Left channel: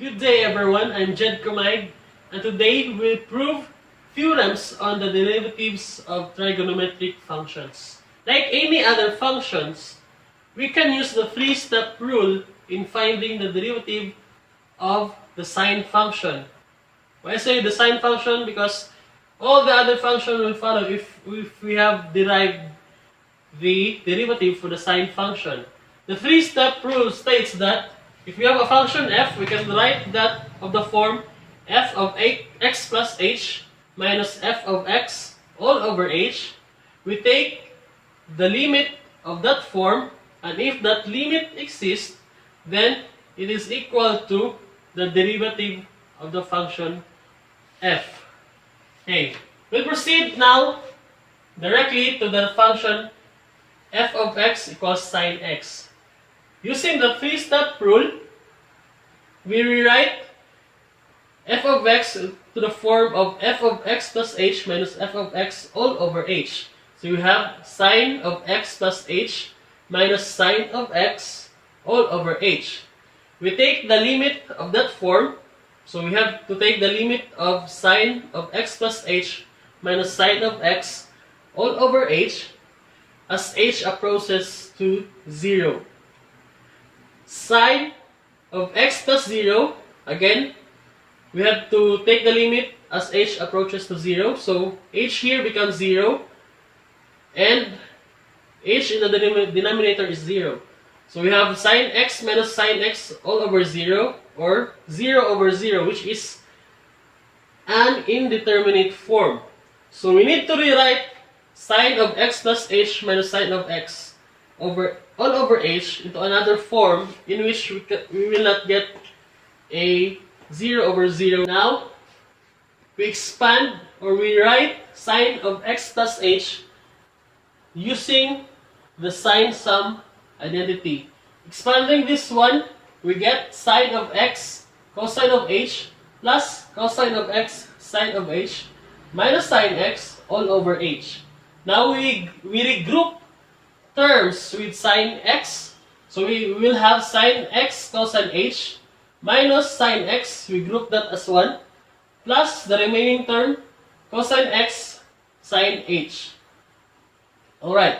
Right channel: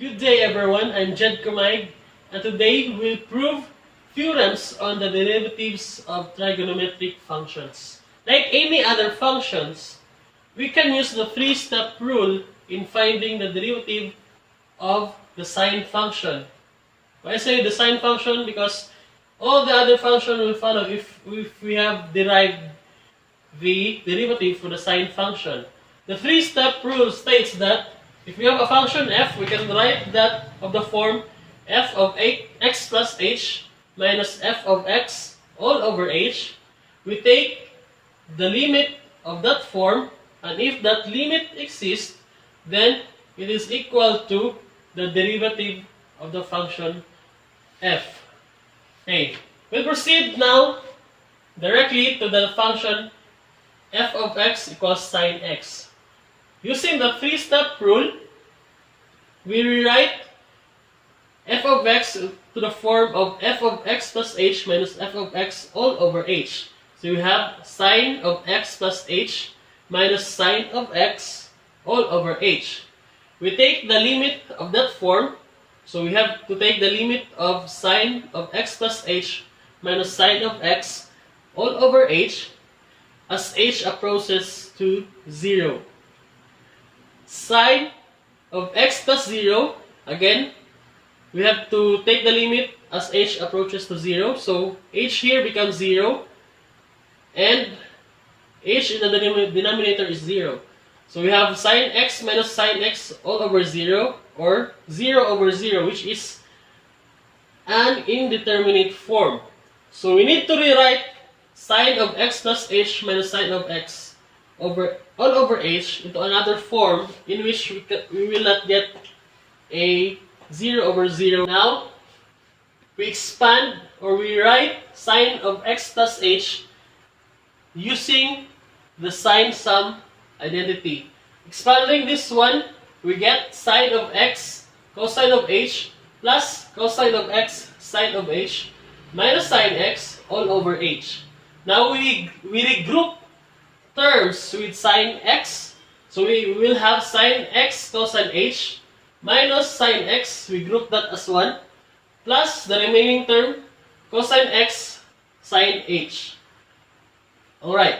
Good day everyone, I'm Jed Comajig, and today we'll prove theorems on the derivatives of trigonometric functions. Like any other functions, we can use the three-step rule in finding the derivative of the sine function. Why I say the sine function? Because all the other functions will follow if we have derived the derivative for the sine function. The three-step rule states that if we have a function f, we can write that of the form f of x plus h minus f of x all over h. We take the limit of that form, and if that limit exists, then it is equal to the derivative of the function f. Okay, we'll proceed now directly to the function f of x equals sine x. Using the three-step rule, we rewrite f of x to the form of f of x plus h minus f of x all over h. So you have sine of x plus h minus sine of x all over h. We take the limit of that form, so we have to take the limit of sine of x plus h minus sine of x all over h as h approaches to 0. Sine of x plus 0, again, we have to take the limit as h approaches to 0. So h here becomes 0, and h in the denominator is 0. So we have sine x minus sine x all over 0, or 0 over 0, which is an indeterminate form. So we need to rewrite sine of x plus h minus sine of x all over h into another form in which we will not get a 0 over 0. Now, we expand or we write sine of x plus h using the sine sum identity. Expanding this one, we get sine of x cosine of h plus cosine of x sine of h minus sine x all over h. Now we regroup terms with sine x. So we will have sine x cosine h minus sine x, we group that as 1, plus the remaining term cosine x sine h. Alright.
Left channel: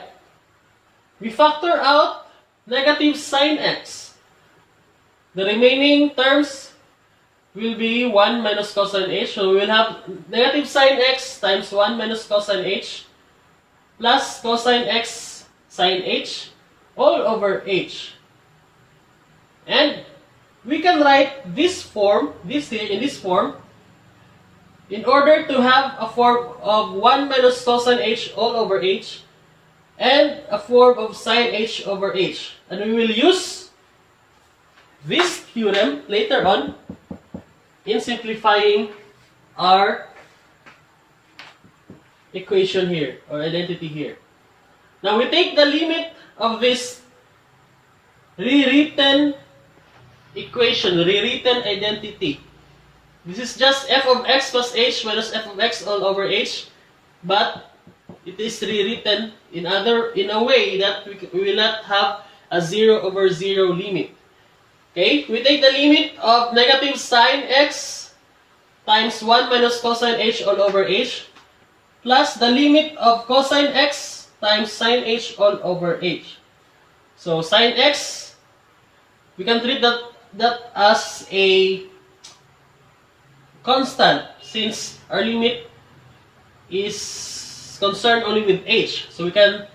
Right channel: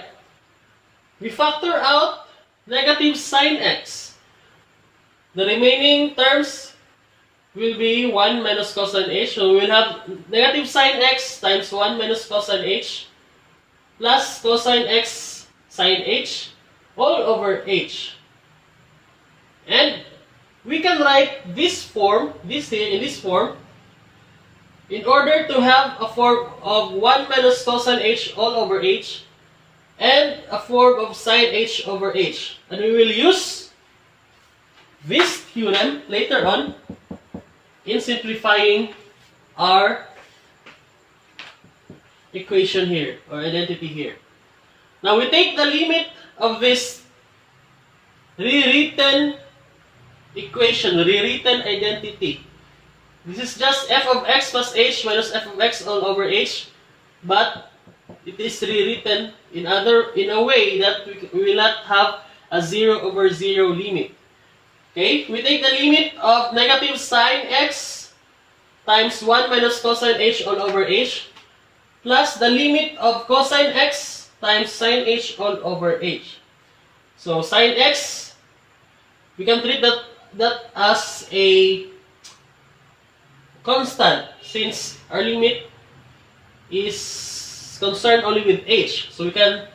We factor out negative sine x. The remaining terms will be 1 minus cosine h. So we will have negative sine x times 1 minus cosine h plus cosine x sine h all over h. And we can write this form, in this form, in order to have a form of 1 minus cosine h all over h and a form of sine h over h. And we will use this theorem later on in simplifying our equation here, or identity here. Now we take the limit of this rewritten equation, rewritten identity. This is just f of x plus h minus f of x all over h, but it is rewritten in a way that we will not have a 0 over 0 limit. Okay, we take the limit of negative sine x times 1 minus cosine h all over h plus the limit of cosine x times sine h all over h. So sine x, we can treat that as a constant since our limit is concerned only with h. So we can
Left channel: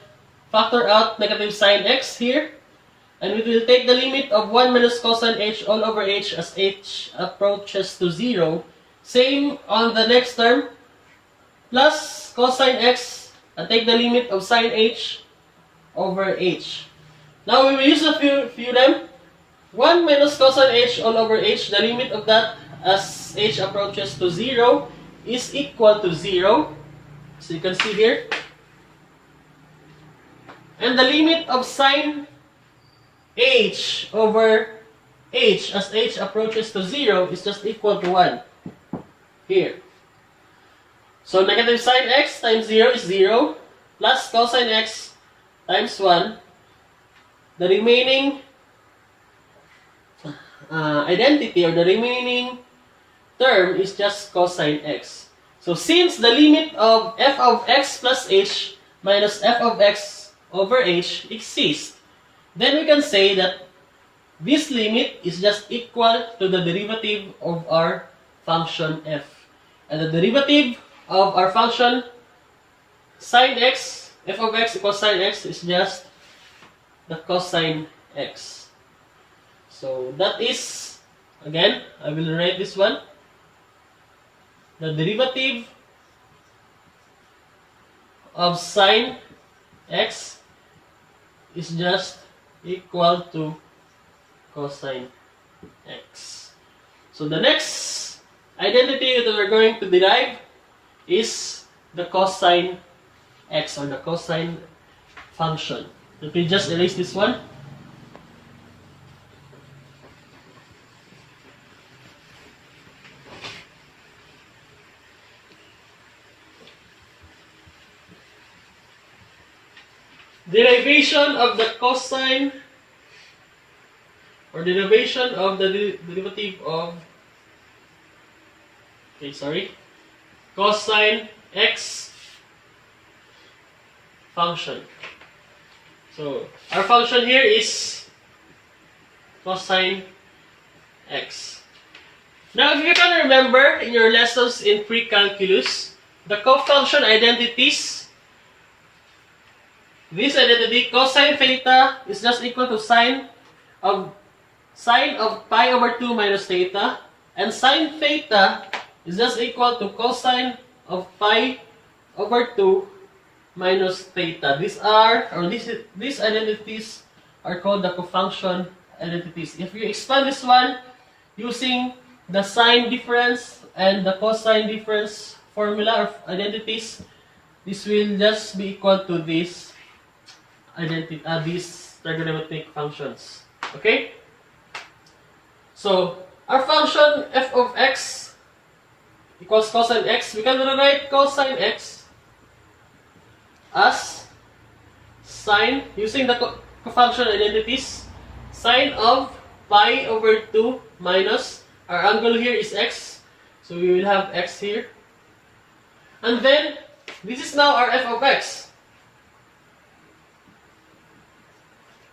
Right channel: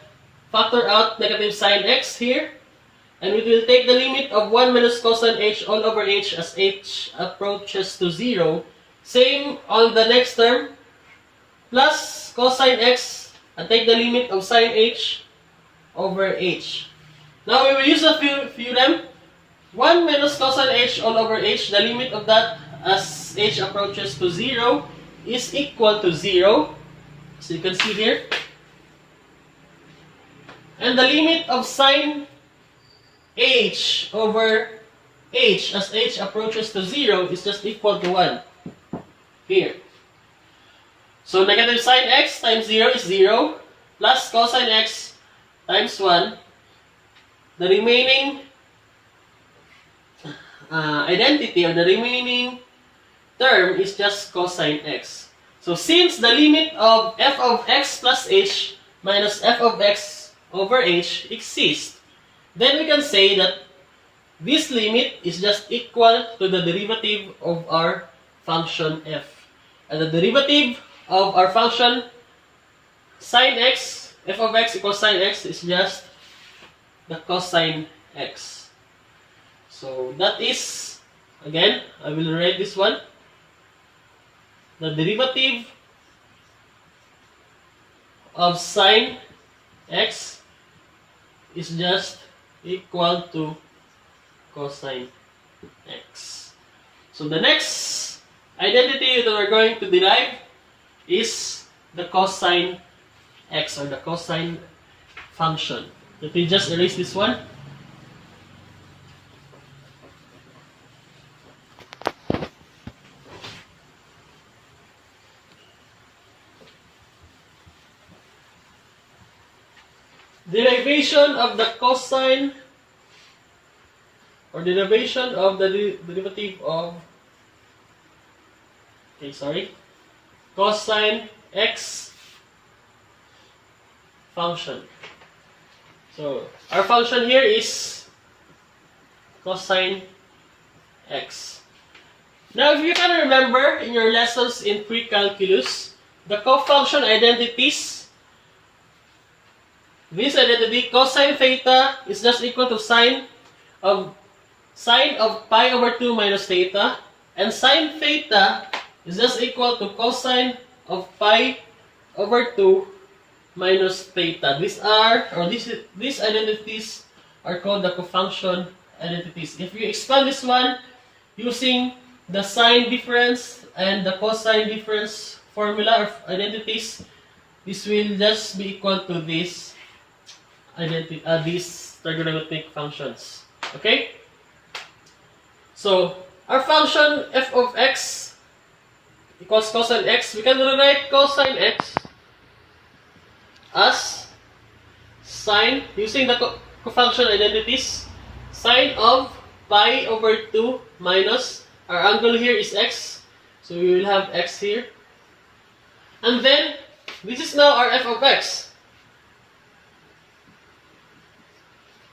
factor out negative sine x here, and we will take the limit of 1 minus cosine h all over h as h approaches to 0. Same on the next term, plus cosine x, and take the limit of sine h over h. Now we will use the theorem 1 minus cosine h all over h, the limit of that as h approaches to 0 is equal to 0. So you can see here. And the limit of sine h over h as h approaches to 0 is just equal to 1 here. So negative sine x times 0 is 0, plus cosine x times 1. The remaining identity or the remaining term is just cosine x. So since the limit of f of x plus h minus f of x over h exists, then we can say that this limit is just equal to the derivative of our function f. And the derivative of our function sine x, f of x equals sine x, is just the cosine x. So that is, again, I will write this one. The derivative of sine x is just equal to cosine x. So the next identity that we're going to derive is the cosine x, or the cosine function. Let me just erase this one. Derivation of the cosine, or derivation of the derivative of, cosine x function. So our function here is cosine x. Now, if you can remember in your lessons in pre-calculus, the cofunction identities, this identity, cosine theta is just equal to sine of pi over 2 minus theta, and sine theta is just equal to cosine of pi over 2 minus theta. These identities are called the cofunction identities. If you expand this one using the sine difference and the cosine difference formula of identities, this will just be equal to this these trigonometric functions. Okay? So our function f of x equals cosine x. We can rewrite cosine x as sine, using the cofunction identities, sine of pi over 2 minus, our angle here is x, so we will have x here. And then, this is now our f of x.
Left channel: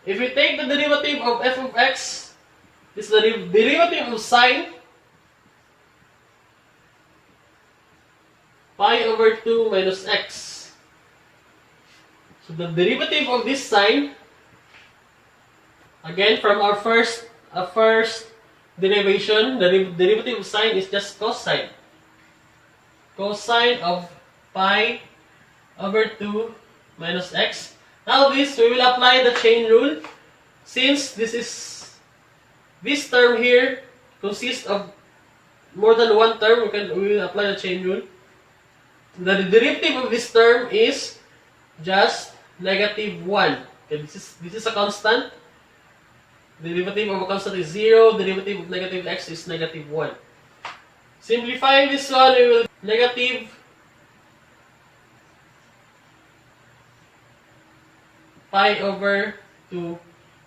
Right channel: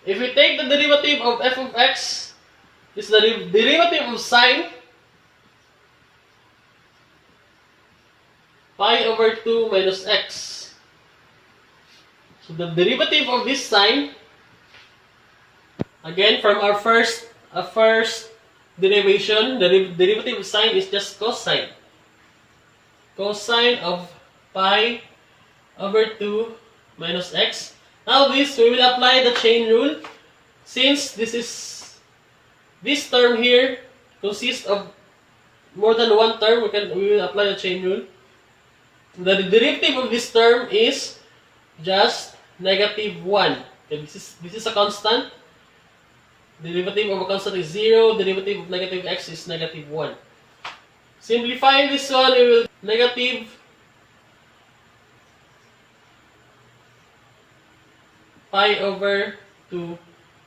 If we take the derivative of f of x, this is the derivative of sine pi over 2 minus x. So the derivative of this sine, again from our first derivation, the derivative of sine is just cosine. Cosine of pi over 2 minus x. Now this, we will apply the chain rule. Since this term here consists of more than one term, we will apply the chain rule. The derivative of this term is just negative 1. Okay, this is a constant. Derivative of a constant is 0. Derivative of negative x is negative 1. Simplifying this one, we will negative pi over 2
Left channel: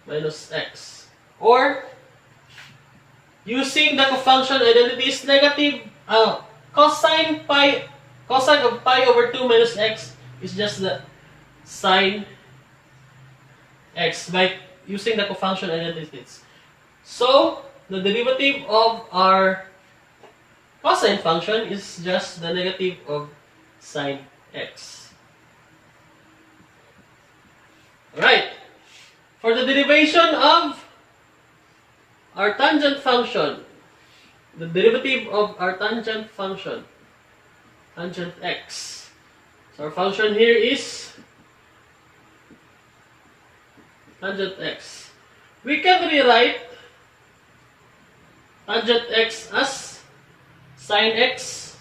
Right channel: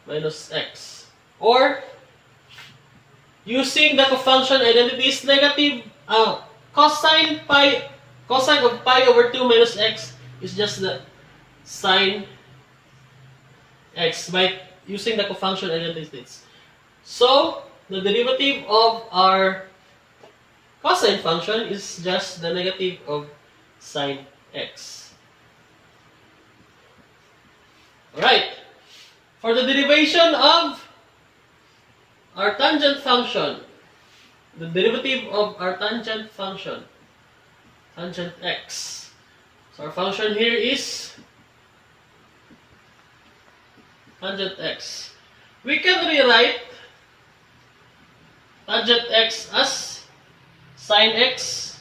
minus x. Or, using the cofunction identities, negative cosine of pi over 2 minus x is just the sine x by using the cofunction identities. So, the derivative of our cosine function is just the negative of sine x. Alright. For the derivation of our tangent function, the derivative of our tangent function, tangent x. So our function here is tangent x. We can rewrite tangent x as sine x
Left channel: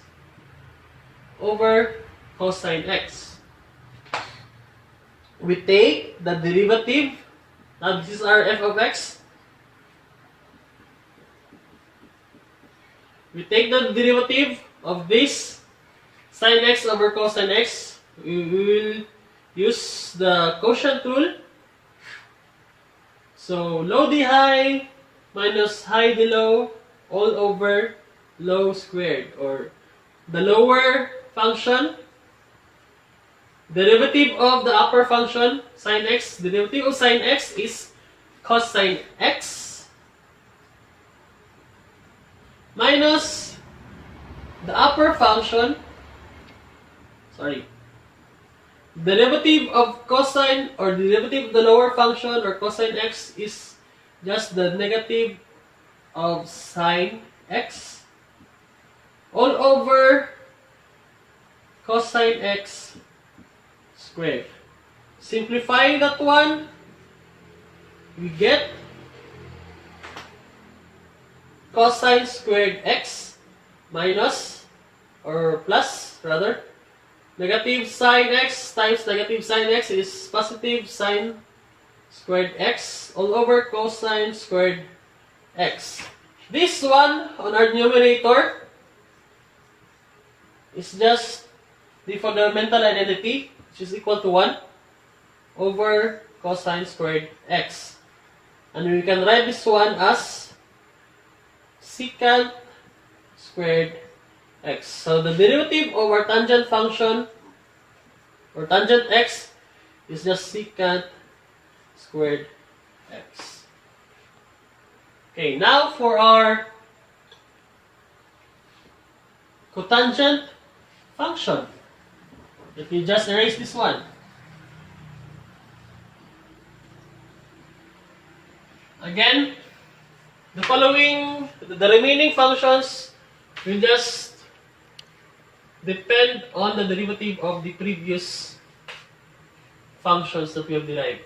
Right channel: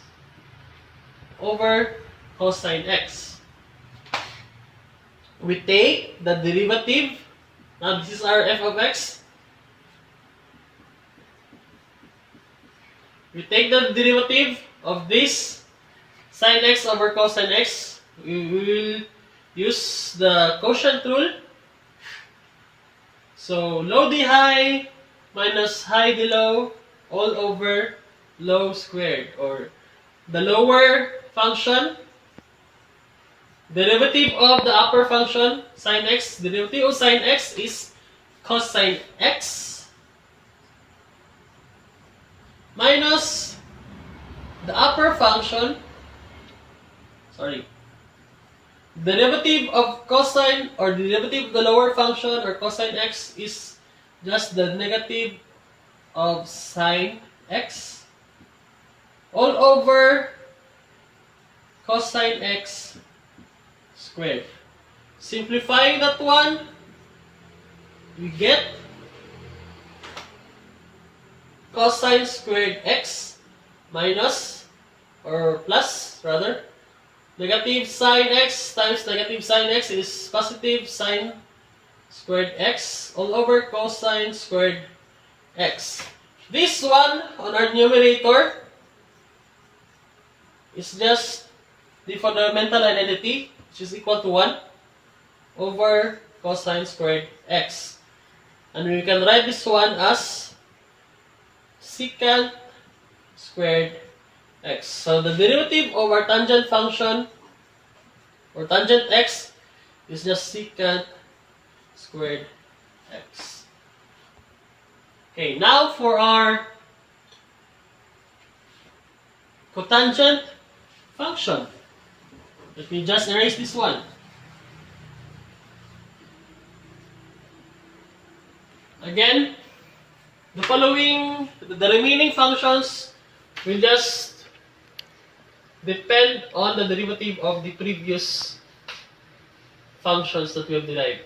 over cosine x. We take the derivative. Now this is our f of x. We take the derivative of this sine x over cosine x. We will use the quotient rule. So low d high minus high d low all over low squared, or the lower function, derivative of the upper function, sine x, derivative of sine x is cosine x minus the upper function, derivative of cosine, or derivative of the lower function or cosine x is just the negative of sine x all over cosine x squared. Simplifying that one, we get cosine squared x minus, or plus rather, negative sine x times negative sine x is positive sine squared x all over cosine squared x. This one on our numerator is just the fundamental identity, which is equal to 1 over cosine squared x. And we can write this one as secant squared x. So the derivative of our tangent function, or tangent x, is just secant squared x. Okay, now for our cotangent function. Let me just erase this one. Again, the remaining functions will just depend on the derivative of the previous functions that we have derived.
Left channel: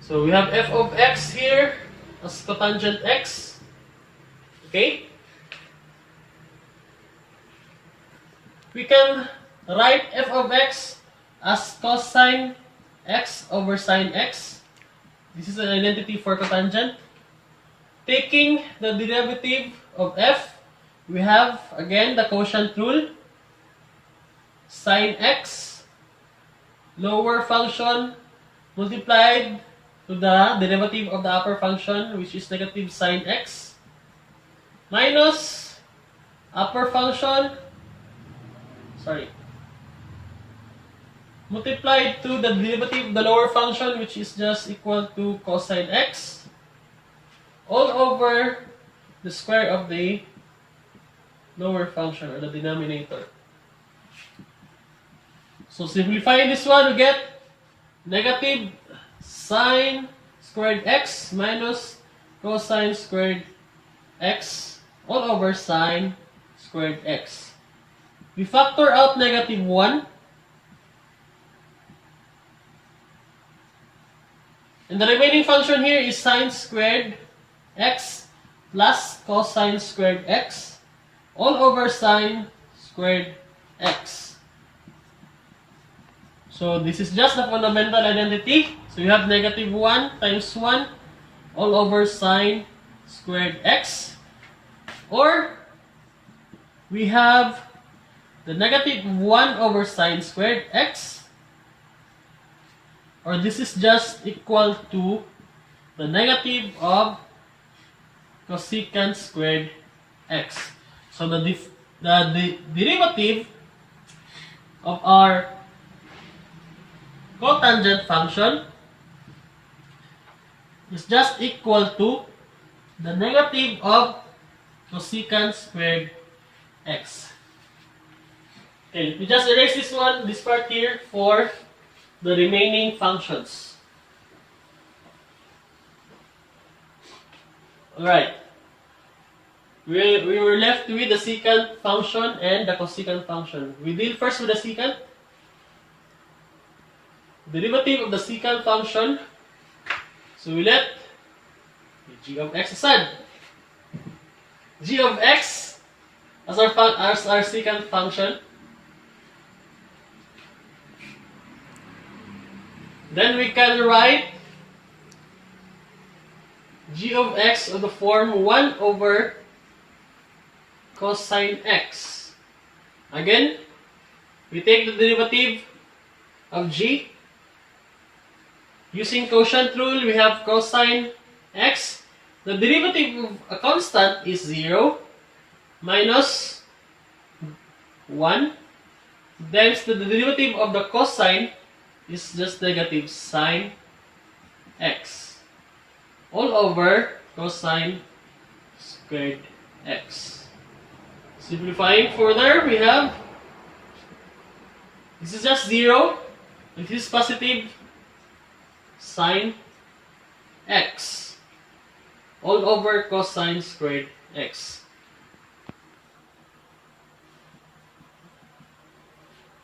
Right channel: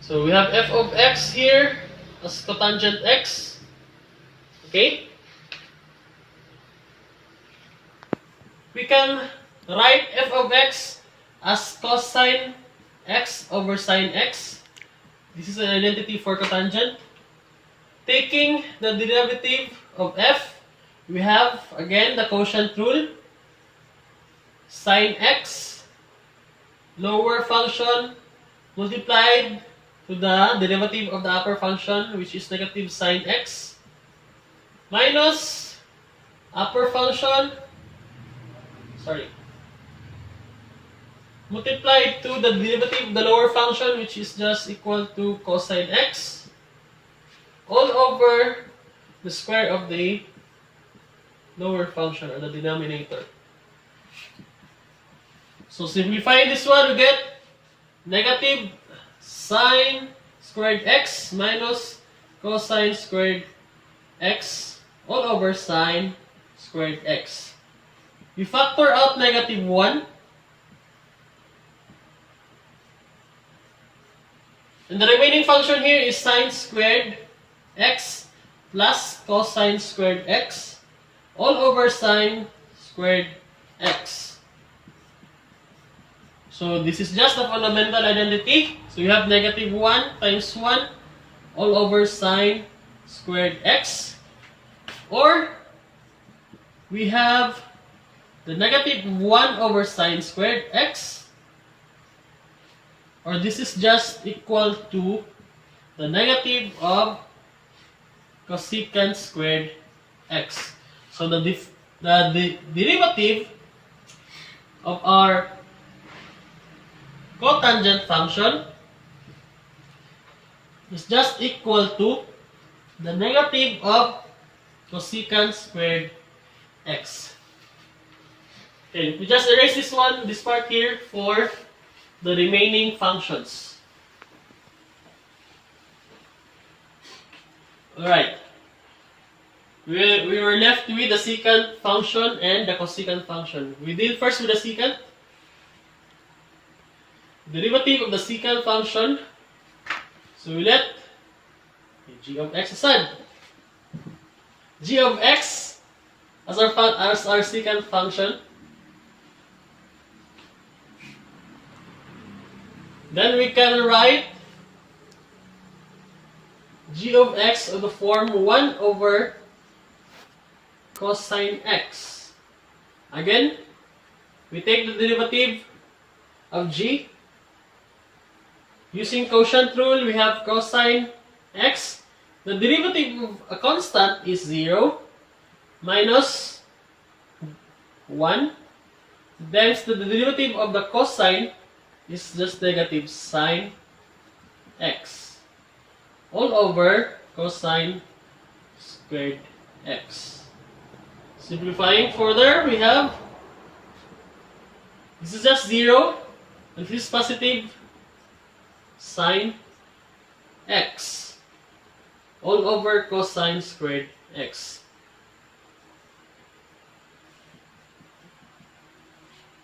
So we have f of x here as cotangent x. Okay? We can write f of x as cosine x over sine x. This is an identity for cotangent. Taking the derivative of f, we have again the quotient rule. Sine x, lower function, multiplied to the derivative of the upper function, which is negative sine x, minus upper function, multiplied to the derivative of the lower function, which is just equal to cosine x, all over the square of the lower function, or the denominator. So simplifying this one, we get negative sine squared x minus cosine squared x all over sine squared x. We factor out negative 1. And the remaining function here is sine squared x plus cosine squared x all over sine squared x. So this is just the fundamental identity. So we have negative 1 times 1 all over sine squared x. Or we have the negative 1 over sine squared x. Or this is just equal to the negative of cosecant squared x. So the derivative of our cotangent function is just equal to the negative of cosecant squared x. Okay, we just erase this part here for the remaining functions. Alright. We were left with the secant function and the cosecant function. We deal first with the secant. Derivative of the secant function. So we let g of x aside. G of x as our secant function. Then we can write g of x of the form 1 over cosine x. Again, we take the derivative of g. Using quotient rule, we have cosine x the derivative of a constant is 0 minus 1. Then the derivative of the cosine is just negative sine x all over cosine squared x. Simplifying further, we have this is just 0, and this is positive sine x all over cosine squared x.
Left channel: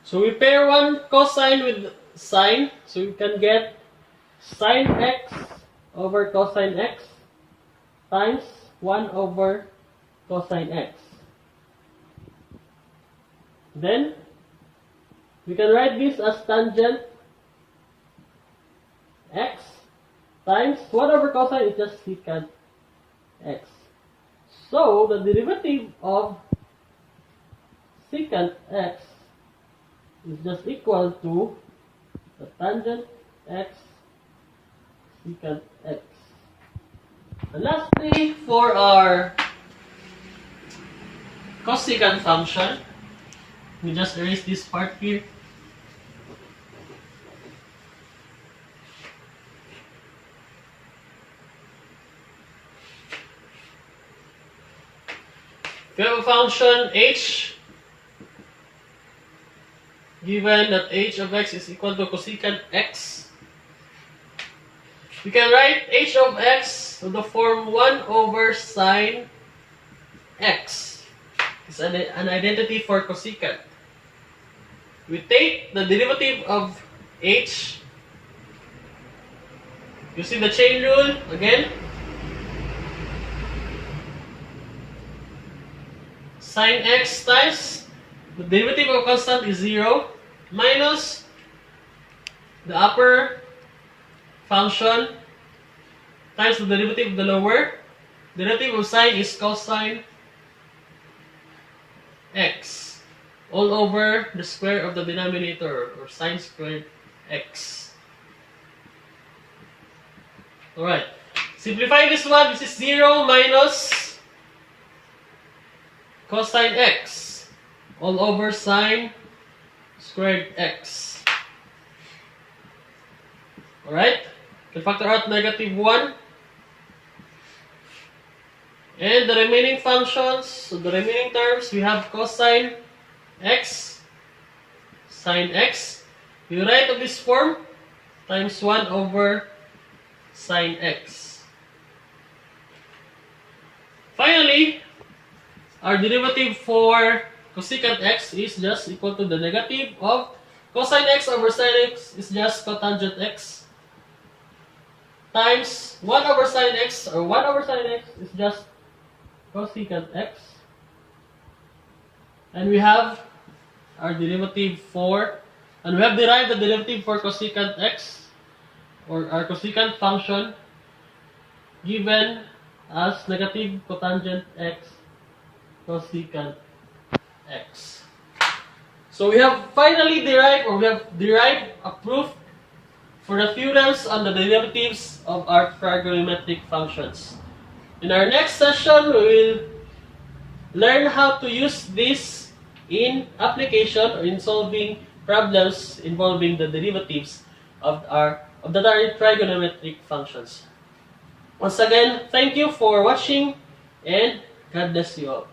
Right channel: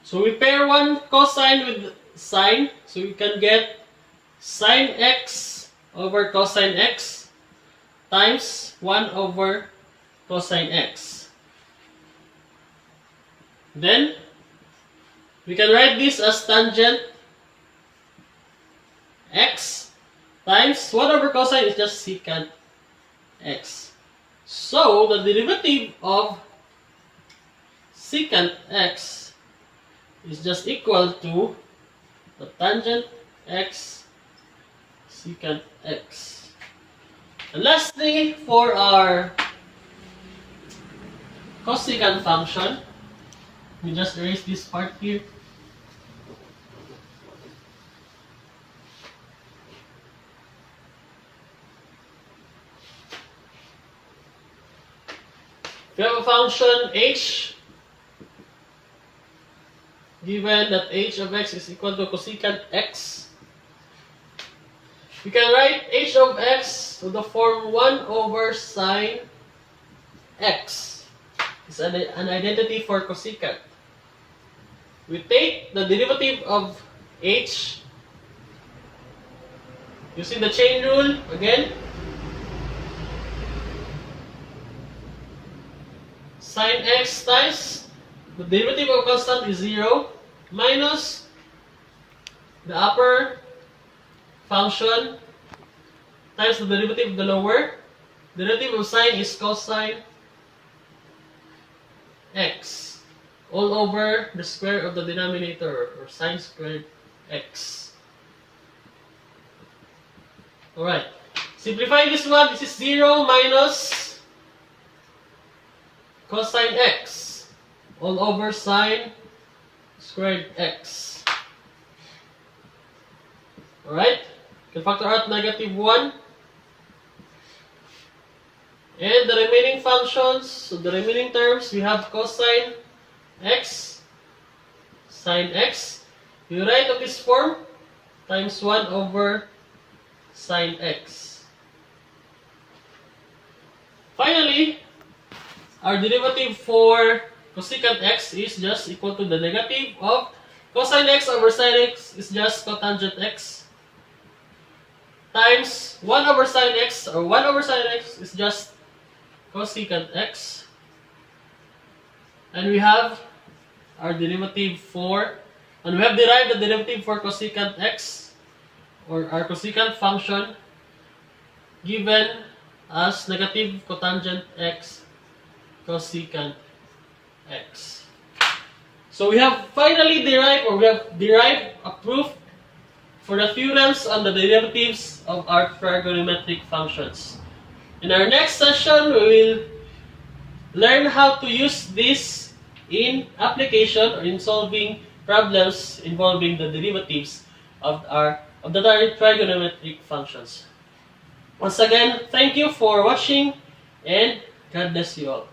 So we pair one cosine with sine, so we can get sine x over cosine x times 1 over cosine x. Then we can write this as tangent x times 1 over cosine is just secant x. So the derivative of secant x is just equal to the tangent x secant x. And lastly, for our cosecant function, we just erase this part here. We have a function h, given that h of x is equal to cosecant x. We can write h of x to the form 1 over sine x. It's an identity for cosecant. We take the derivative of h using the chain rule again. Sine x times the derivative of constant is 0 minus the upper function times the derivative of the lower. Derivative of sine is cosine x all over the square of the denominator, or sine squared x. Alright, simplifying this one, this is 0 minus cosine x all over sine squared x. Alright, you can factor out negative 1. And the remaining functions, so the remaining terms, we have cosine x, sine x. You write of this form, times 1 over sine x. Finally, our derivative for cosecant x is just equal to the negative of cosine x over sine x is just cotangent x times 1 over sine x, or 1 over sine x is just cosecant x. And we have our derivative for, and we have derived the derivative for cosecant x, or our cosecant function, given as negative cotangent x cosecant x. So we have finally derived, or we have derived a proof for the theorems on the derivatives of our trigonometric functions. In our next session, we will learn how to use this in application or in solving problems involving the derivatives of the trigonometric functions. Once again, thank you for watching, and God bless you all.